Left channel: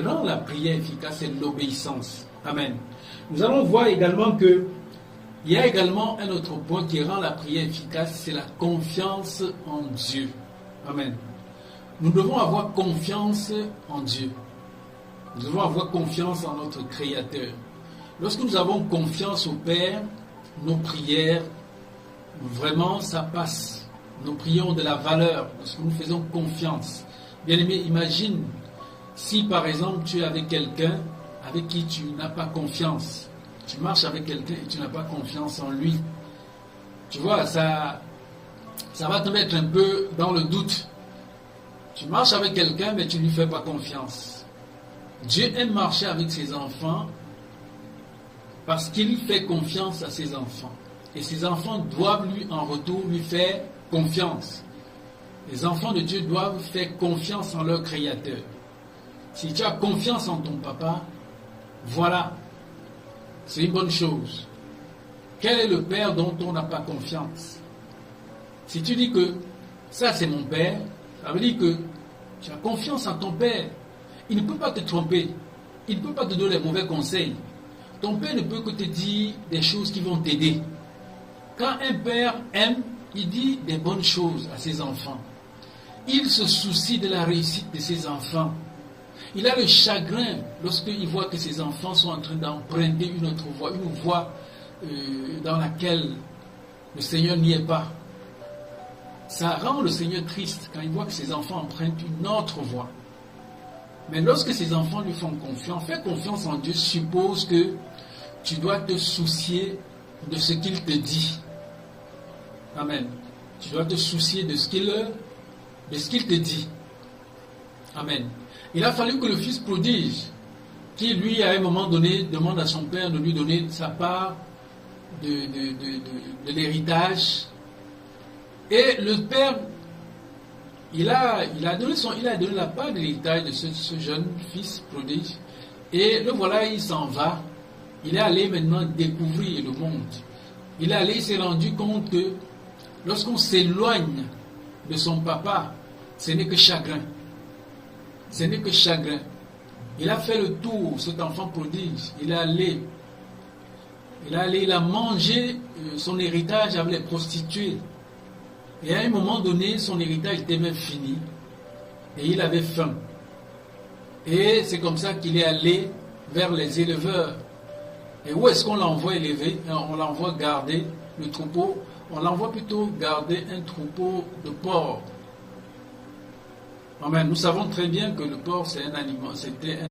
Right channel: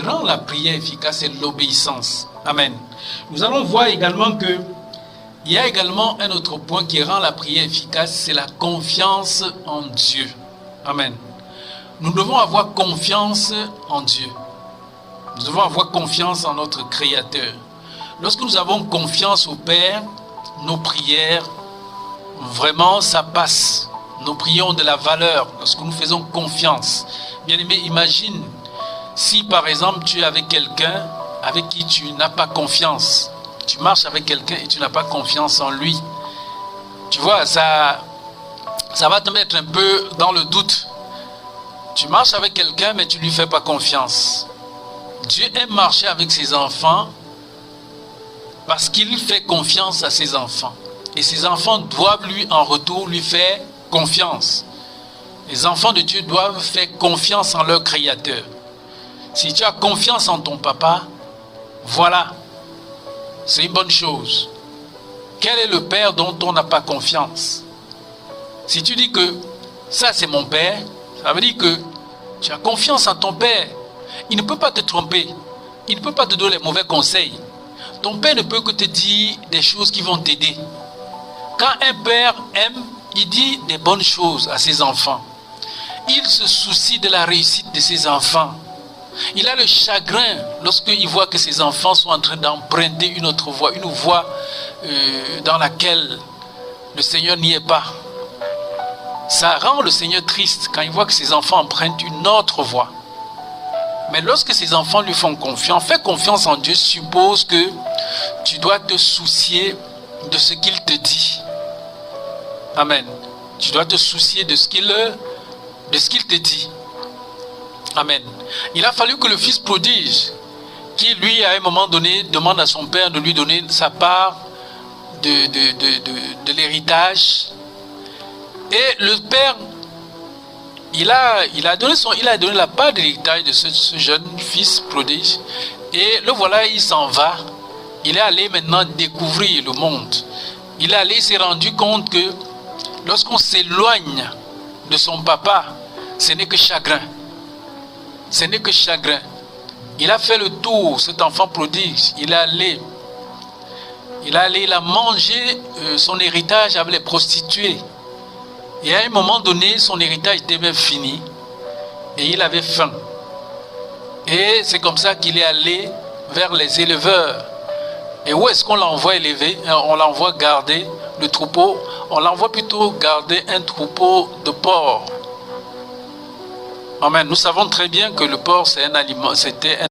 rend la prière efficace, c'est l'obéissance. Amen. Nous allons voir également que il y a également un autre point qui rend la prière efficace, c'est la confiance en Dieu. Amen. Nous devons avoir confiance en Dieu. Nous devons avoir confiance en notre Créateur. Lorsque nous avons confiance au Père, nos prières, vraiment, ça passe. Nos prières ont de la valeur lorsque nous faisons confiance. Bien-aimé, imagine si par exemple tu es avec quelqu'un avec qui tu n'as pas confiance. Tu marches avec quelqu'un et tu n'as pas confiance en lui. Tu vois, ça va te mettre un peu dans le doute. Tu marches avec quelqu'un mais tu ne lui fais pas confiance. Dieu aime marcher avec ses enfants parce qu'il fait confiance à ses enfants. Et ses enfants doivent lui en retour lui faire confiance. Les enfants de Dieu doivent faire confiance en leur Créateur. Si tu as confiance en ton papa, voilà, c'est une bonne chose. Quel est le père dont on n'a pas confiance? Si tu dis que ça c'est mon père, ça veut dire que tu as confiance en ton père. Il ne peut pas te tromper. Il ne peut pas te donner les mauvais conseils. Ton père ne peut que te dire des choses qui vont t'aider. Quand un père aime, il dit des bonnes choses à ses enfants. Il se soucie de la réussite de ses enfants. Il a le chagrin lorsqu'il voit que ses enfants sont en train d'emprunter une autre voie, une voie dans laquelle le Seigneur n'y est pas. Ça rend le Seigneur triste quand il voit que ses enfants empruntent une autre voie. Mais lorsque ses enfants lui font confiance, faire confiance en Dieu suppose que tu dois te soucier de ce qu'il te dit. Amen. Tu dois te soucier de ce qu'il te dit. Amen. Il a fallu que le fils prodige, qui lui à un moment donné demande à son père de lui donner sa part de l'héritage. Et le père, il a donné la part de l'héritage de ce jeune fils prodige. Et le voilà, il s'en va. Il est allé maintenant découvrir le monde. Il s'est rendu compte que lorsqu'on s'éloigne de son papa, ce n'est que chagrin. Ce n'est que chagrin. Il a fait le tour, cet enfant prodigue. Il a mangé son héritage avec les prostituées. Et à un moment donné, son héritage était même fini. Et il avait faim. Et c'est comme ça qu'il est allé vers les éleveurs. Et où est-ce qu'on l'envoie élever? On l'envoie garder le troupeau. On l'envoie plutôt garder un troupeau de porcs. Amen. Nous savons très bien que le porc, c'était un